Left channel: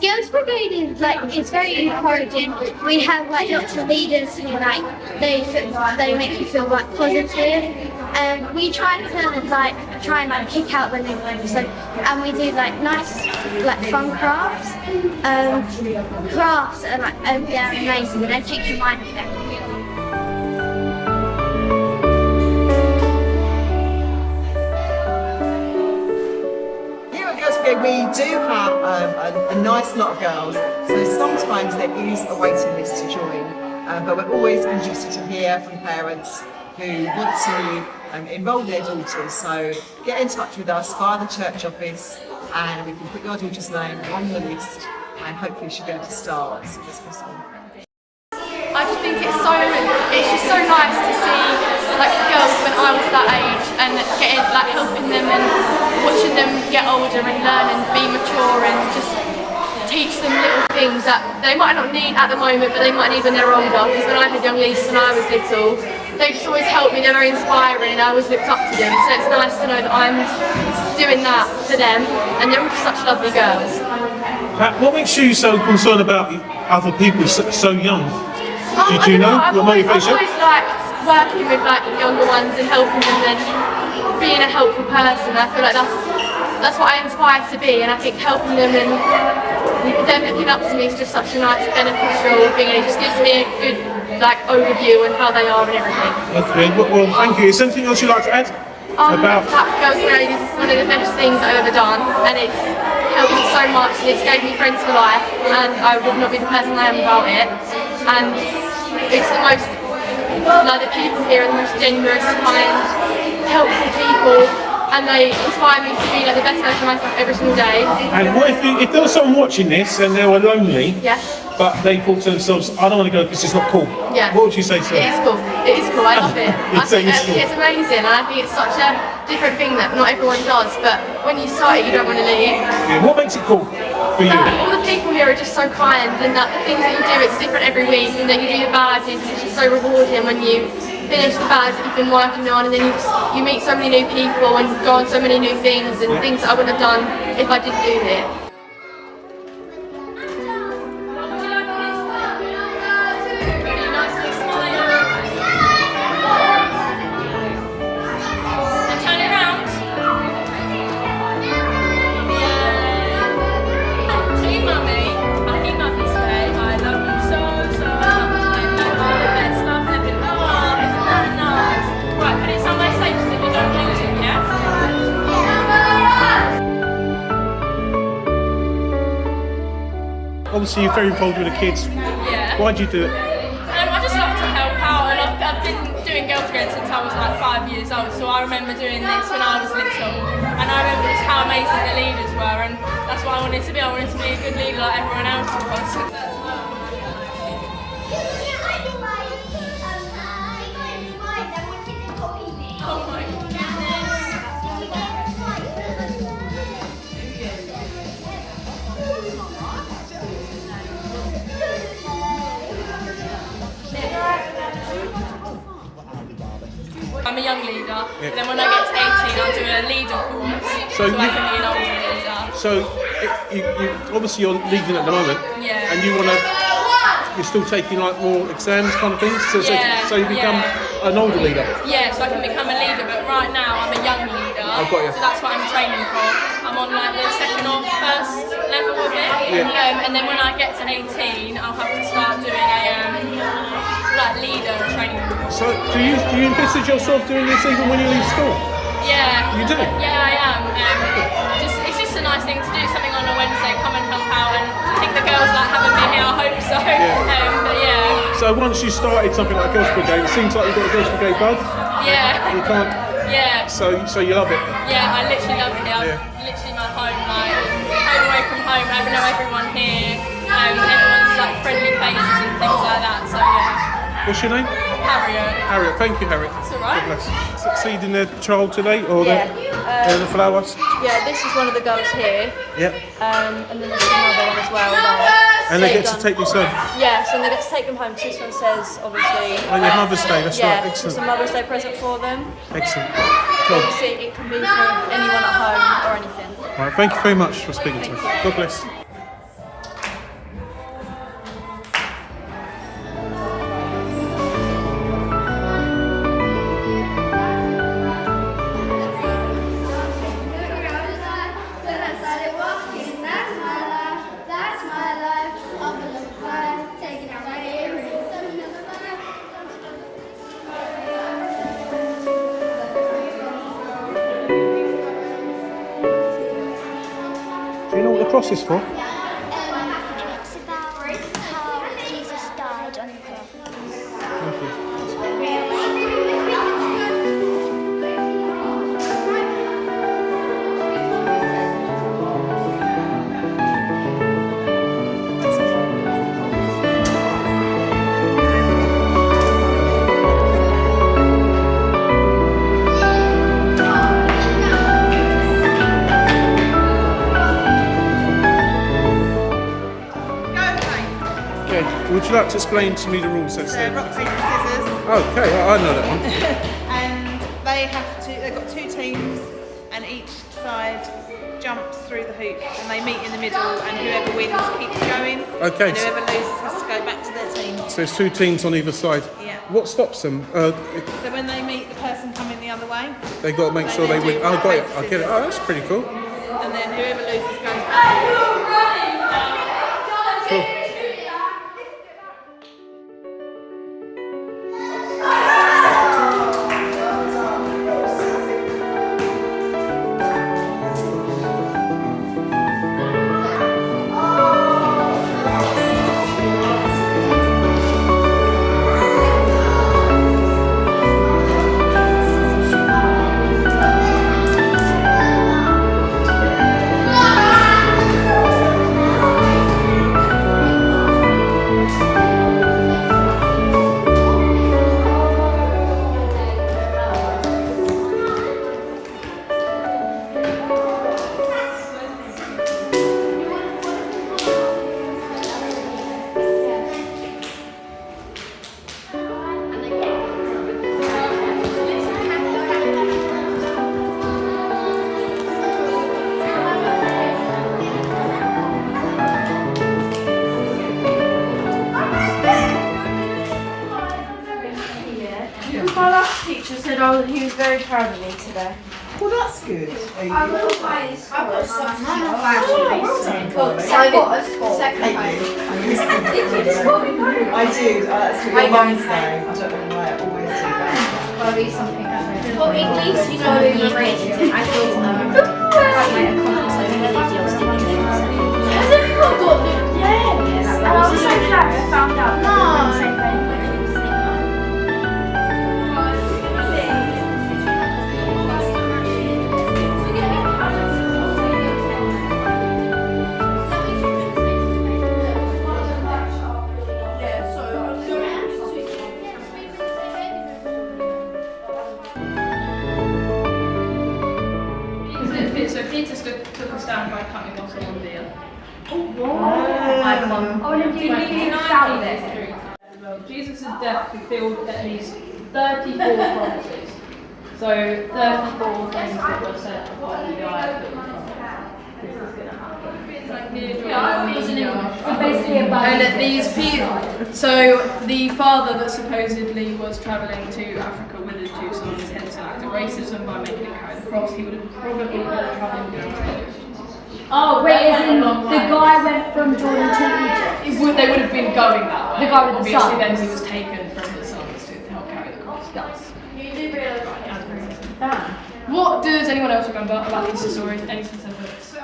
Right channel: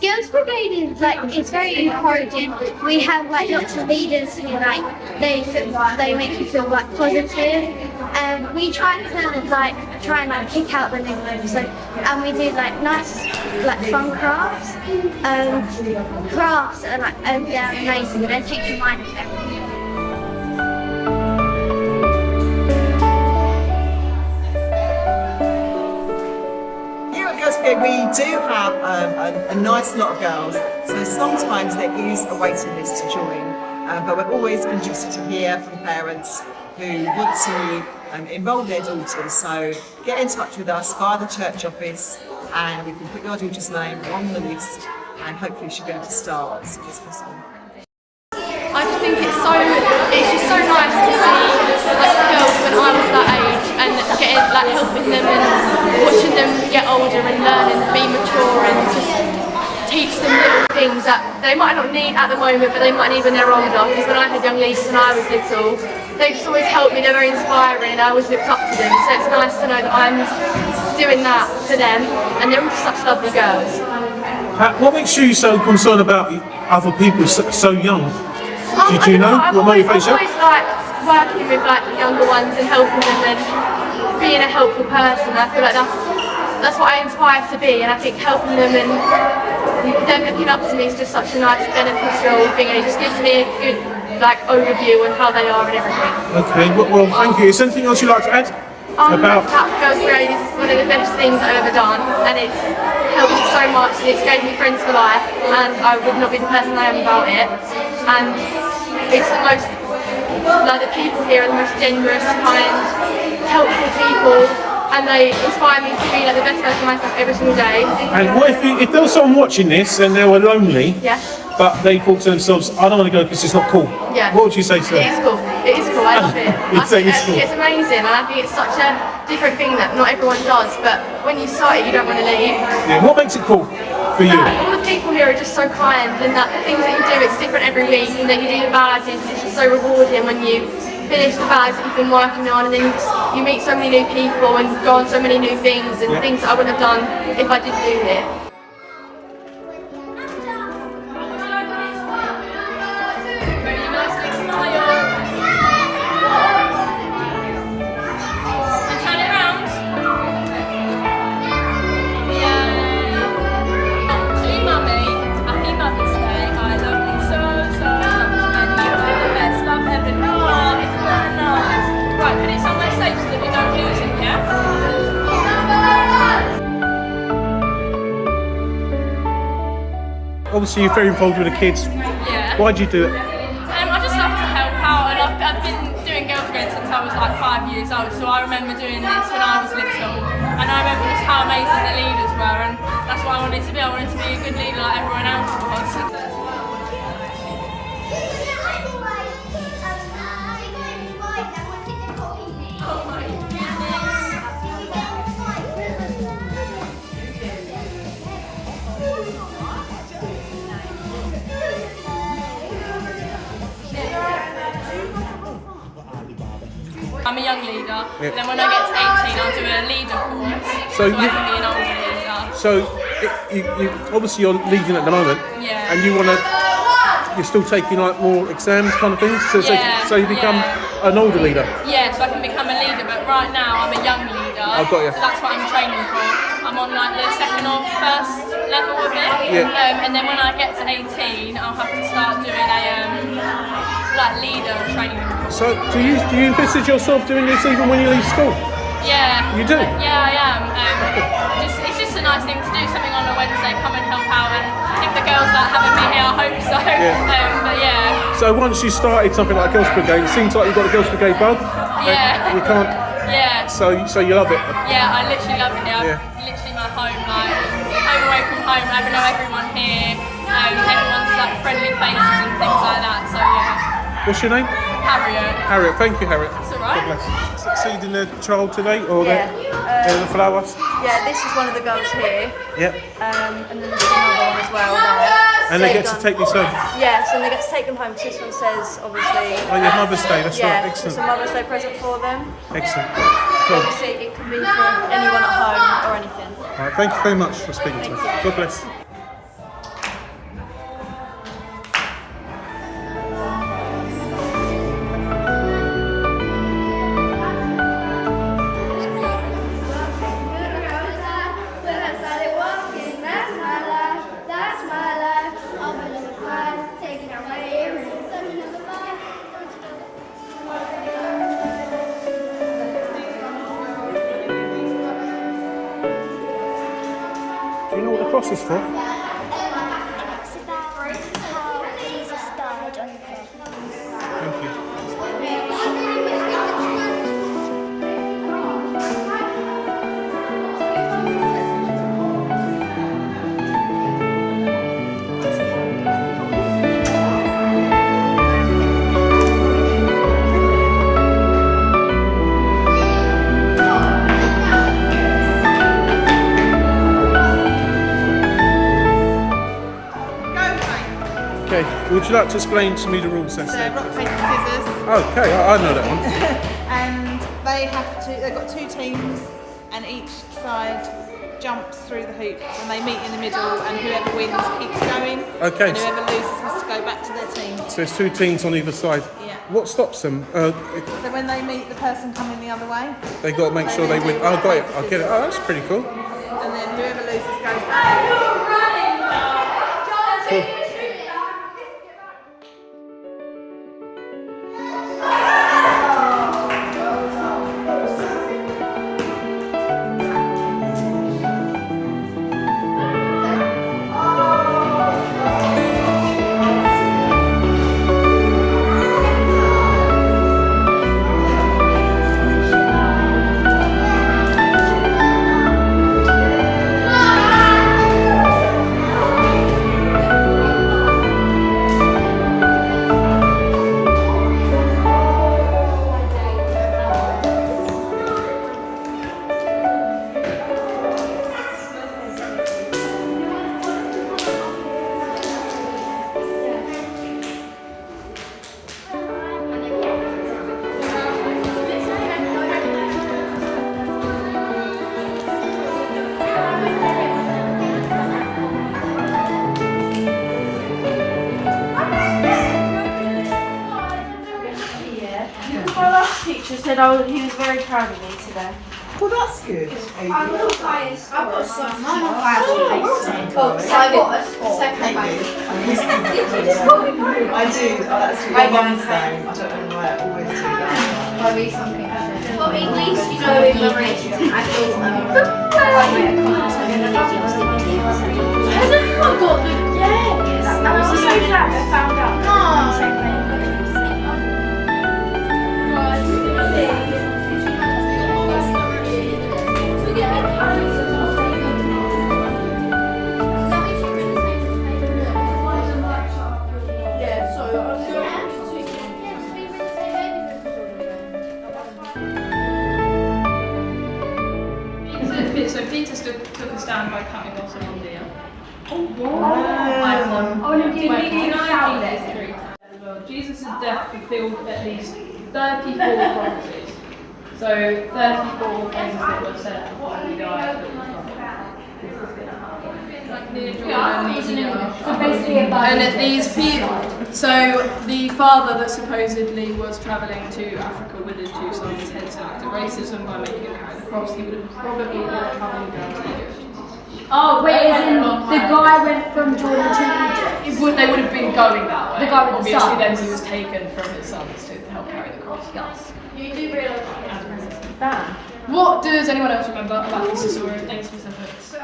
Girls Brigade is it's very encouraging. We have lots of leaders who they make you feel positive. We try and pick out the negatives. And we do nice fun crafts. Crafts are amazing. They take your mind off everything. We do have a nice lot of girls, so sometimes there is a waiting list to join, but we're always interested to hear from parents who want to enrol their daughters. So get in touch with us via the church office and we can put your daughter's name on the list and hopefully she'll be able to start as soon as possible. I just think it's just so nice to see girls when I was that age and getting helping them and watching them get older and learn and be mature and just teach them little things that they might not need at the moment, but they might need when they're older. Because when I had young nieces when I was little, they just always helped me. They're very inspiring and I always looked up to them. So it's nice to know that I'm doing that for them, and they're such lovely girls. What makes you so concerned about other people so young? Do you know? I've always liked working with younger ones and helping them and being a helpful person. I feel like that's what I inspire to be, and I think helping them and them looking up to me is just such a nice beneficial thing, and it just gives me a good overview on how they are and everything. Okay, well thank you. Is there anything else you'd like to add? That Girls Brigade is one of the best things I've ever done, and it's helped me so much, and it's gave me friends for life, and I would not be the person I am without it. And it's the most, the people here are the most generous, kind, helpful people, and they inspire me to be the best version of myself every single day. And what if there was someone watching this and they were lonely, but they thought to themselves, I don't want to go because it's not cool. Yeah. What would you say to them? It is cool. It is cool. I love it. I think it's amazing, and I think it's such a different thing that not everyone does, but when you start it, you don't want to leave. Yeah. What makes it cool for you? All the people here are just so kind, and that the things that you do, it's different every week, and then you do the ballads, it's just so rewarding when you finish the ballads that you've been working on, and then you meet so many new people and go on so many new things, and things that I wouldn't have done if I didn't do it. Obviously you're very involved with the kids. Yeah. Why do you do it? I just love to help out, and I've been doing Girls Brigade since I was 5 years old, so I remember doing this when I was little, and I remember just how amazing the leaders were, and that's what I wanted to be. I wanted to be a good leader like everyone else was. Oh my goodness. I'm a young leader, and then when I get to 18 I'll do a leader course, so I can be an older leader. So, obviously you're leading at the moment, and you're still taking more exams kind of things, so you become an older leader? Yeah, so I can become a leader, but right now I'm a young leader, so that's what I'm training for. I'm on the second or first level of it, and then when I get to 18 I'll have to start doing a leader training course. So do you envisage yourself doing this even when you leave school? Yeah. You do? Yeah, I am. It's just a nice thing to do, something on a Wednesday, come and help out, and I think the girls like having me here, I hope so. But yeah. So once you started something like Girls Brigade, it seems like you've got a Girls Brigade bug. Yeah. You can't. Yeah. So you love it. Yeah, I literally love it here. Literally my home, home away from home. I know everyone here. Everyone's friendly faces and things like that. So yeah. What's your name? Harriet. Harriet, thank you, Harriet. That's alright. God bless. Succeeding their trial today, or the flowers? Yeah, this is one of the girls here. Yep. And then there's another one as well there. And they get to take these home? Yes, and they get to take them home. So this one says, obviously... Oh, your Mother's Day, that's right, excellent. It's a Mother's Day present for them. Excellent. Cool. Obviously, it can be for anyone at home or anything. Right, thank you very much for speaking to us. God bless. what's this for? It's about how Jesus died on the cross. Thank you. Okay, would you like to explain to me the rules then? So rock, paper, scissors, Okay, I know that one. and they've got 2 teams, and each side jumps through the hoops, and they meet in the middle, and whoever wins keeps going. Okay. And whoever loses has to go back to their team. So there's 2 teams on either side. Yeah. What stops them? So when they meet the person coming the other way, They got to make sure they win. Oh, got it. I get it. Oh, that's pretty cool. and then whoever loses goes back. Cool. My last teacher said he was very proud of me today. Well, that's good. I got a score. I do. That's what your mum's name. I don't know why I always do that. Well, at least you know we were rated. I thought has anyone got the yes? And I was so glad I found out that we were on the same page. So Peter took a stand by cutting off someone deer. Jesus' death fulfilled at least 34 promises. So 34 things that were said before he died. This is going to happen. So basically And at these people, so the father that supposedly was travelling to Africa with his 2 sons had selected racism by making him carry the cross. He would have probably been travelling down to Egypt. oh, wait, as in the guy went from Jordan to Egypt? They would have been going that way. The guy with the Obviously, sons. then he was taken from his sons to help carry the cross. Yes. What does anyone else remember about this story? Any specifics?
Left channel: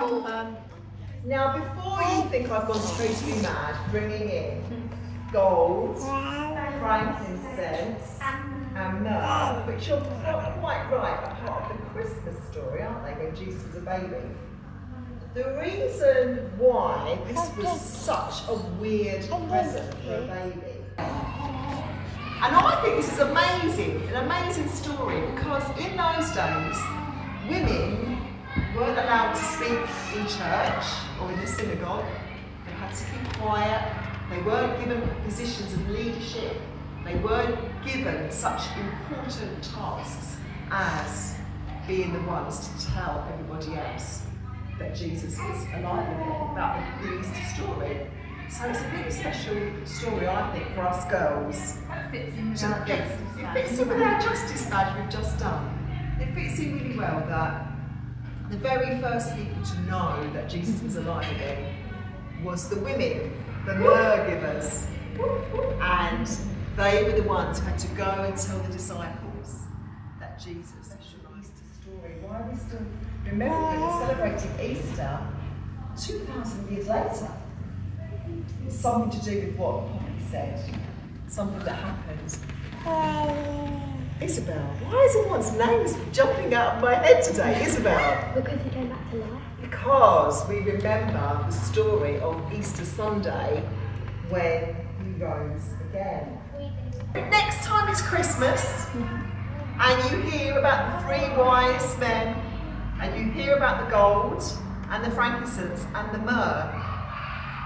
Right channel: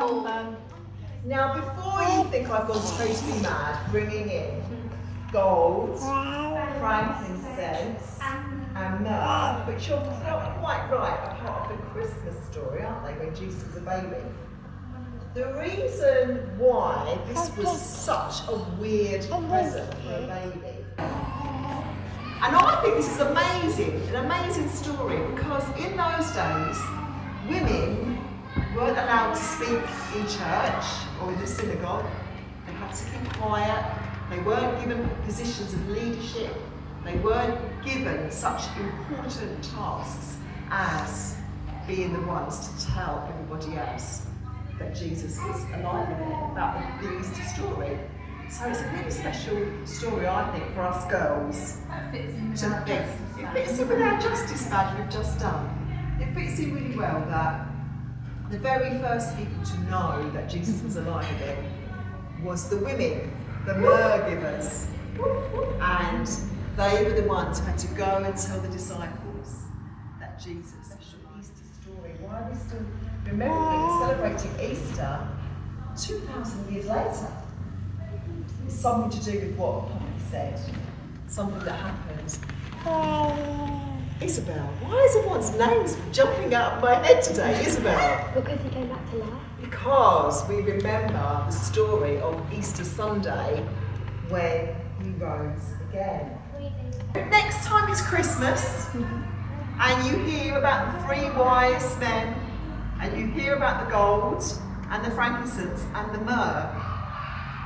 Now, before you think I've gone totally mad, bringing in gold, frankincense, and myrrh, which you're quite right, are part of the Christmas story, aren't they, when Jesus was a baby? The reason why this was such a weird present for a baby, and I think this is amazing, an amazing story, because in those days, women weren't allowed to speak in church or in the synagogue. They had to keep quiet. They weren't given positions of leadership. They weren't given such important tasks as being the ones to tell everybody else that Jesus was alive again, about the Easter story. So it's a really special story, I think, for us girls. It fits in with our justice badge we've just done. It fits in really well that the very first people to know that Jesus was alive again was the women, the myrrh givers. And they were the ones who had to go and tell the disciples that Jesus is the Easter story. Why are we still remembering and celebrating Easter 2,000 years later. It's something to do with what Poppy said, something that happened. Isabel, why is everyone's names jumping out of my head today? Isabel? Because he came back to life. Because we remember the story of Easter Sunday when he rose again. Next time it's Christmas and you hear about the 3 wise men and you hear about the gold and the frankincense and the myrrh,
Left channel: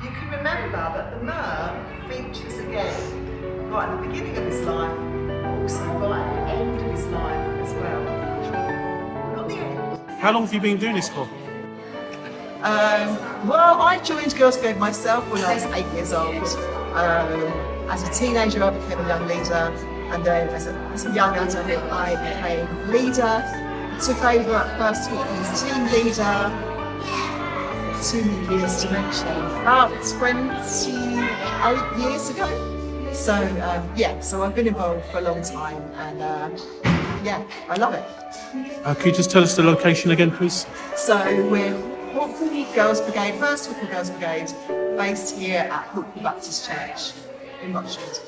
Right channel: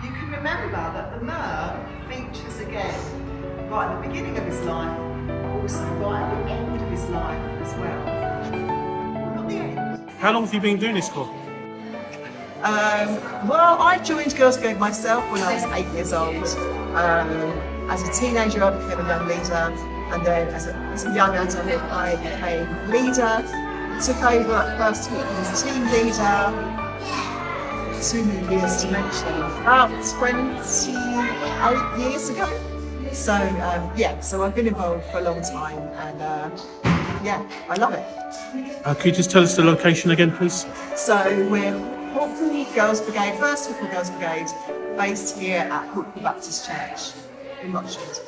you can remember that the myrrh features again right at the beginning of his life, but also right at the end of his life as well. Not the end. How long have you been doing this for? Well, I joined Girls' Brigade myself when I was 8 years old. As a teenager, I became a young leader, and then as a young adult, I became leader. Took over at first as team leader. Too many years to mention. About 28 years ago. So so I've been involved for a long time, and I love it. Can you just tell us the location again, please? So we're Hawkwell Girls' Brigade, first Hawkwell Girls' Brigade, based here at Hawkwell Baptist Church in Rochford.